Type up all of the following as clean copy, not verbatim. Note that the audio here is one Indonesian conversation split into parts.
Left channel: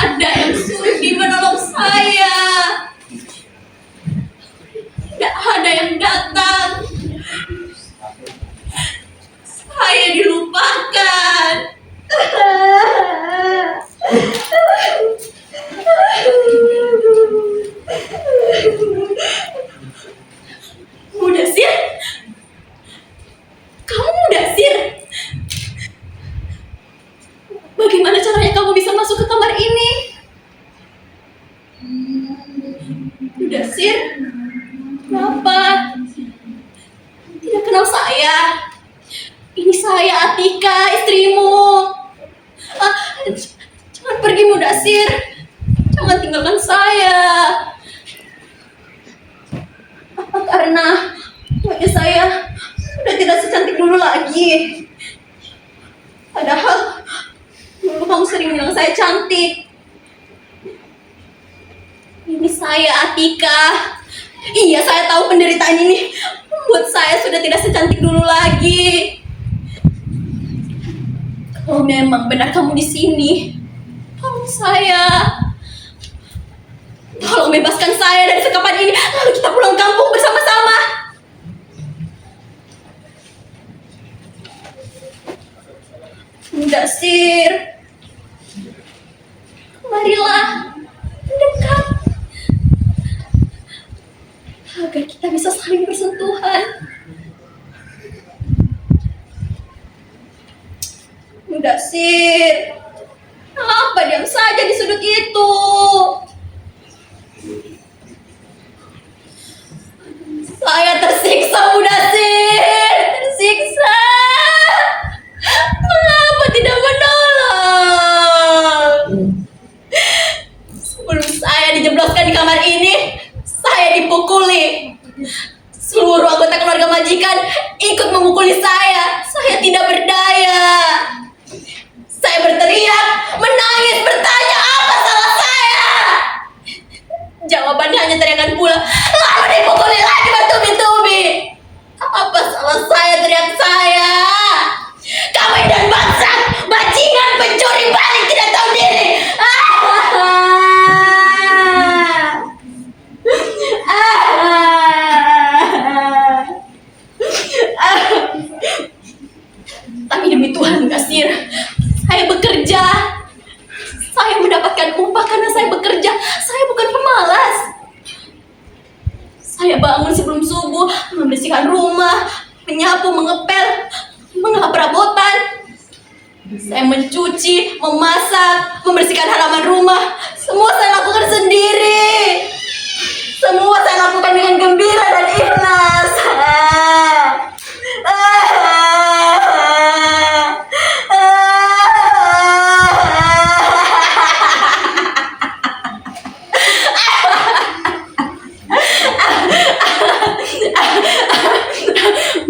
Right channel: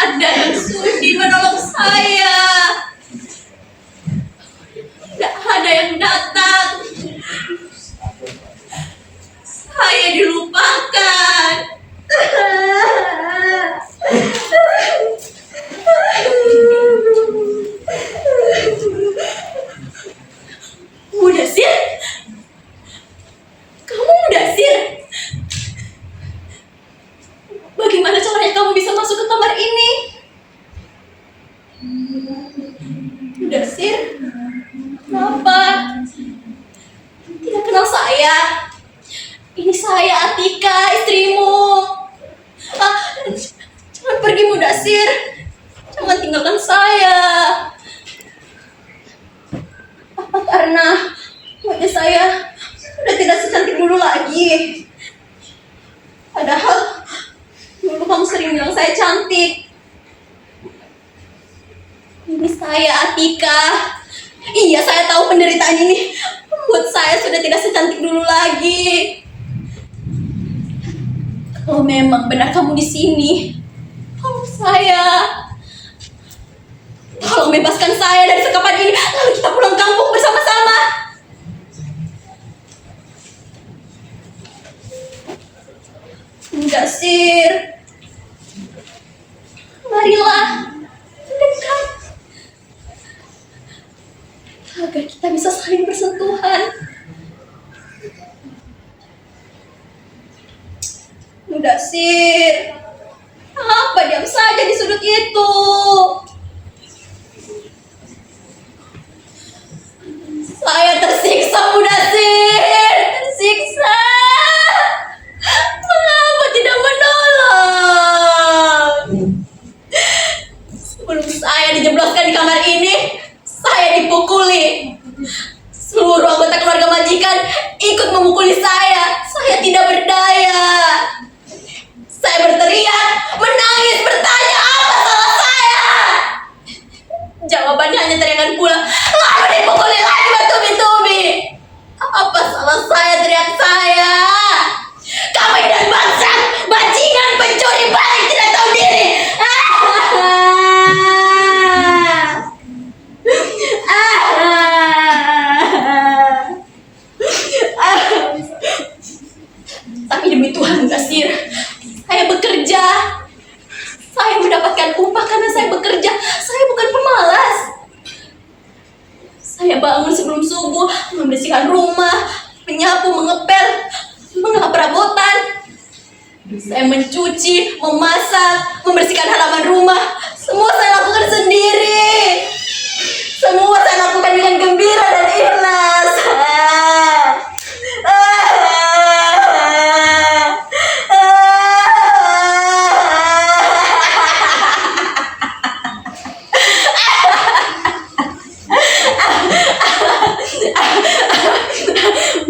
ada yang sudi menolong saya. Tidak ada yang datang. Saya dilupakan. Mudasir? Kamu Mudasir? Bagaimana caranya kamu bisa masuk ke kamar ini? Mudasir? Kenapa? Tidak kenal saya? Ini saya Atika, istrimu. Jangan pergi Mudasir. Jangan tinggalkan saya. Apa karena wajah saya sudah tidak secantik dulu lagi? Padahal dulu kamu sering bilang saya cantik. Ini saya Atika. Iya, saya tahu penderitaan ini membuat saya sudah tidak secantik dulu lagi. Kalau memang benar kamu di sini, tolong saya. Tolong bebaskan saya dari sekapan ini, lalu kita pulang kampung bersama-sama. Mudasir, marilah mendekat agar kita bisa saling bersentuhan. Mudasir, apa diam saja di sudut itu? Saya tersiksa, Mudasir, tersiksa. Mengapa tidak menolong? Sebelum saya dijebloskan di kamar ini, saya dipukuli. Seluruh anggota keluarga majikan ikut memukuli saya. Saya tidak berdaya. Saya berteriak, menangis, bertanya apa salah saya. Jawabannya hanya teriakan pula, lalu dipukuli lagi bertubi-tubi. Apa salah saya, teriak saya. Kamu dan bangsat, bajingan, pencuri balik, tidak tahu diri. Tapi demi Tuhan, Mudasir, saya bekerja. Saya mendapatkan upah karena saya bekerja. Saya bukan pemalas. Saya bangun sebelum subuh, membersihkan rumah, menyapu, mengepel, mengelap perabotan. Saya mencuci, memasak, membersihkan halaman rumah. Semua saya lakukan sendiri. Semua saya lakukan dengan gembira dan ikhlas.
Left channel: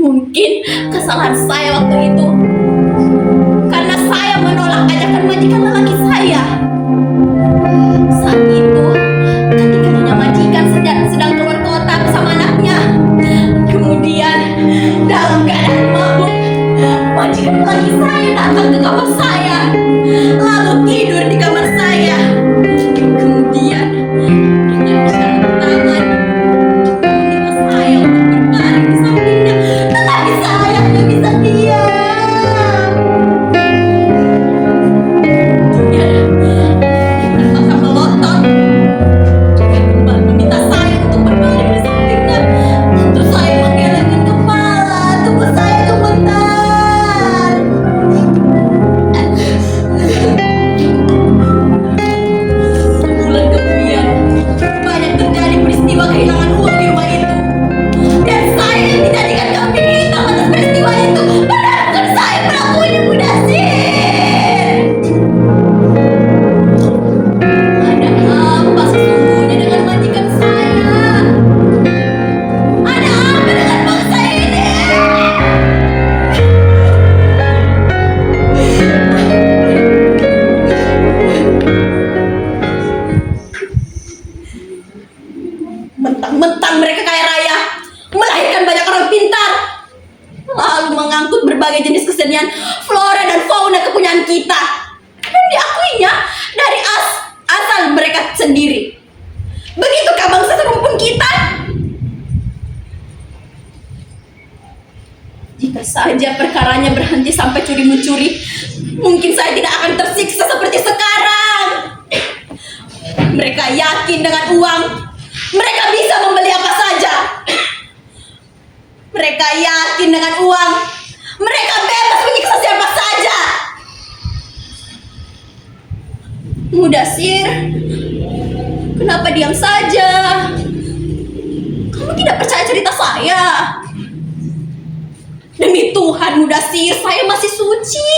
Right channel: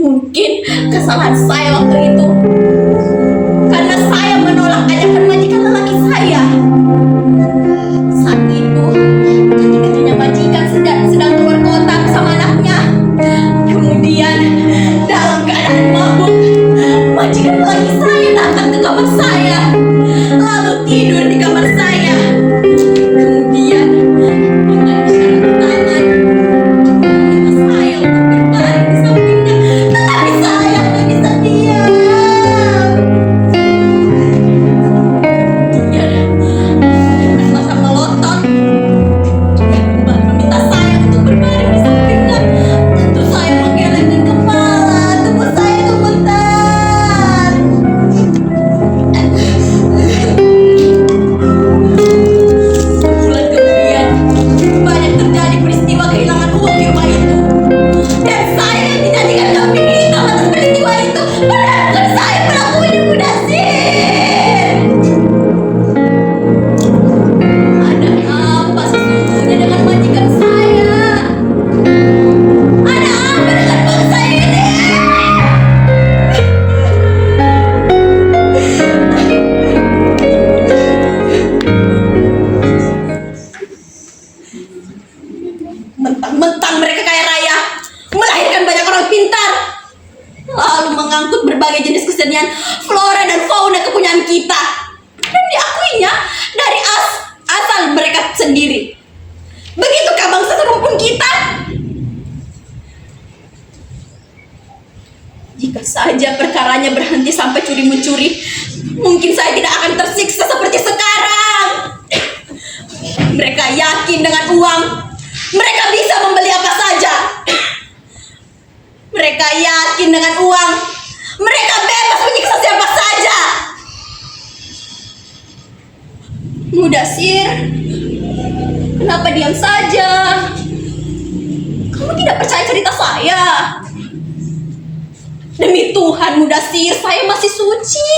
Mungkin kesalahan saya waktu itu karena saya menolak ajakan majikan lelaki saya. Saat itu ketika nyonya majikan sedang keluar kota bersama anaknya. Kemudian dalam keadaan mabuk, majikan lelaki saya datang ke kamar saya, lalu tidur di kamar saya. Kemudian dengan isyarat tangan meminta saya untuk berbaring di sampingnya, tetapi saya hanya bisa diam. sendiri. Begitukah bangsa serumpun kita? Jika saja perkaranya berhenti sampai curi-mencuri, mungkin saya tidak akan tersiksa seperti sekarang. Mereka yakin dengan uang mereka bisa membeli apa saja. Mereka yakin dengan uang mereka bebas menyiksa siapa saja. Mudasir, kenapa diam saja? Kamu tidak percaya cerita saya? Demi Tuhan, Mudasir, saya masih suci.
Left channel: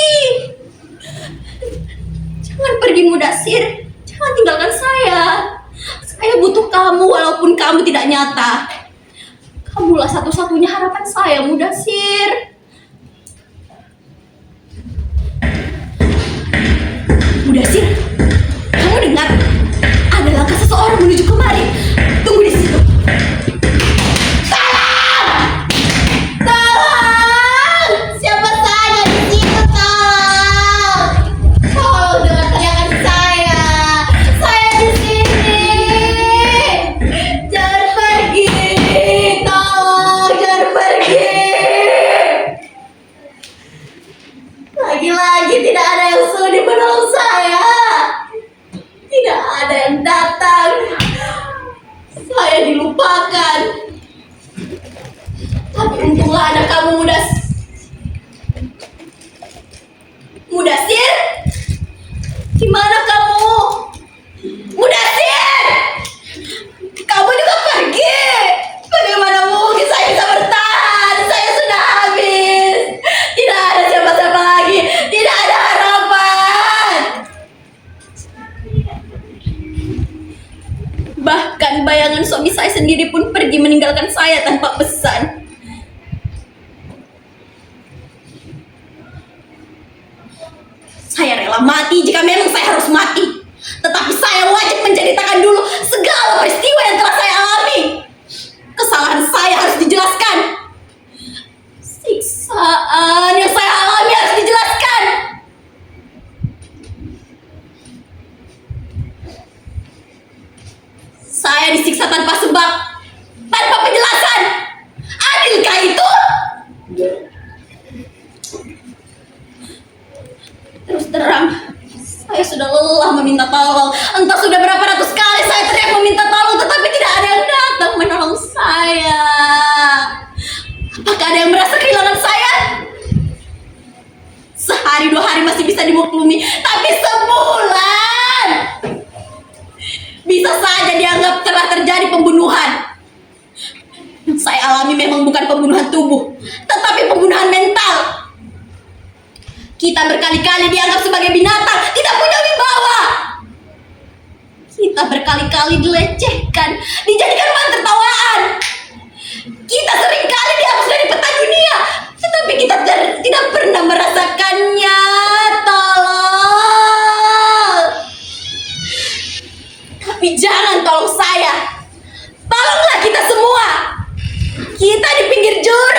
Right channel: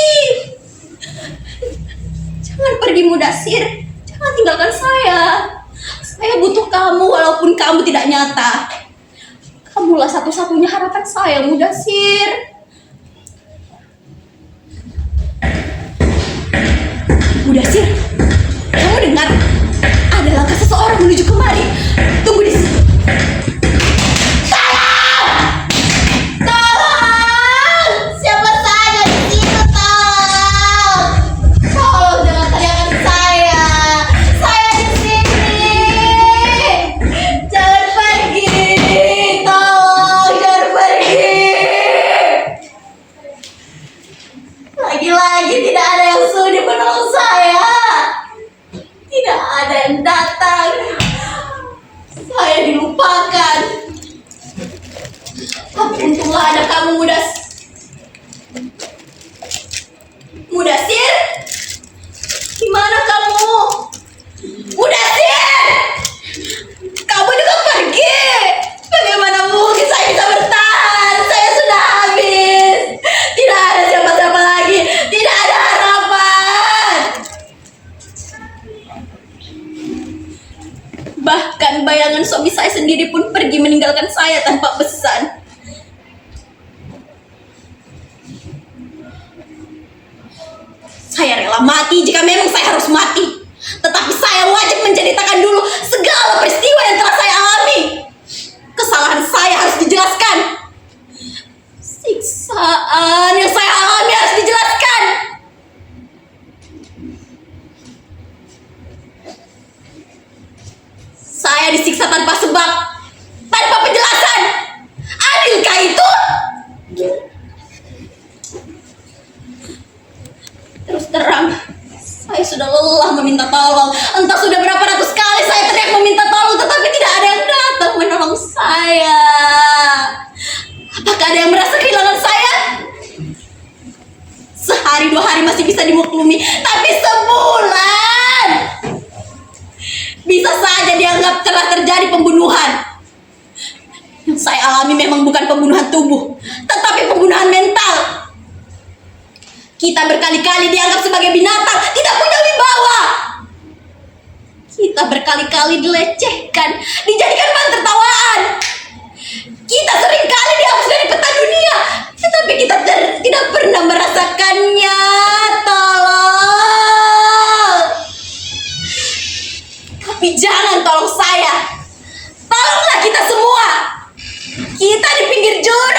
Jangan pergi, Mudasir. Jangan tinggalkan saya. Saya butuh kamu walaupun kamu tidak nyata. Kamulah satu-satunya harapan saya, Mudasir. Mudasir, kamu dengar? Ada langkah seseorang menuju kemari. Tunggu di situ. Tolong! Tolong! Siapa saja di situ, tolong! Tolong jangan teriakan saya. Saya di sini. Jangan pergi. Tolong, jangan pergi. Lagi-lagi tidak ada yang sudi menolong saya. Tidak ada yang datang. Saya dilupakan. Tapi untunglah ada kamu, Mudasir. Di mana kamu? Mudasir! Kamu juga pergi. Bagaimana mungkin saya bisa bertahan? Saya sudah habis. Tidak ada siapa-siapa lagi. Tidak ada harapan. Bahkan bayangan suami saya sendiri pun pergi meninggalkan saya tanpa pesan. Saya rela mati jika memang saya harus mati. Tetapi saya wajib menceritakan dulu segala peristiwa yang telah saya alami. Kesalahan saya harus dijelaskan. Siksaan yang saya alami harus dijelaskan. Saya disiksa tanpa sebab, tanpa penjelasan. Adilkah itu? Terus terang, saya sudah lelah meminta tolong. Entah sudah berapa ratus kali saya teriak meminta tolong, tetapi tidak ada yang datang menolong saya. Apakah ada yang merasa kehilangan saya? Sehari dua hari masih bisa dimaklumi, tapi sebulan bisa saja dianggap telah terjadi pembunuhan. Yang saya alami memang bukan pembunuhan tubuh, tetapi pembunuhan mental. Kita berkali-kali dianggap sebagai binatang, tidak punya wibawa. Kita berkali-kali dilecehkan, dijadikan bahan tertawaan. Kita seringkali dihapus dari peta dunia, tetapi kita tidak pernah merasakannya. Tolong. Tapi jangan tolong saya. Tolonglah kita semua. Kita di pinggir jurang.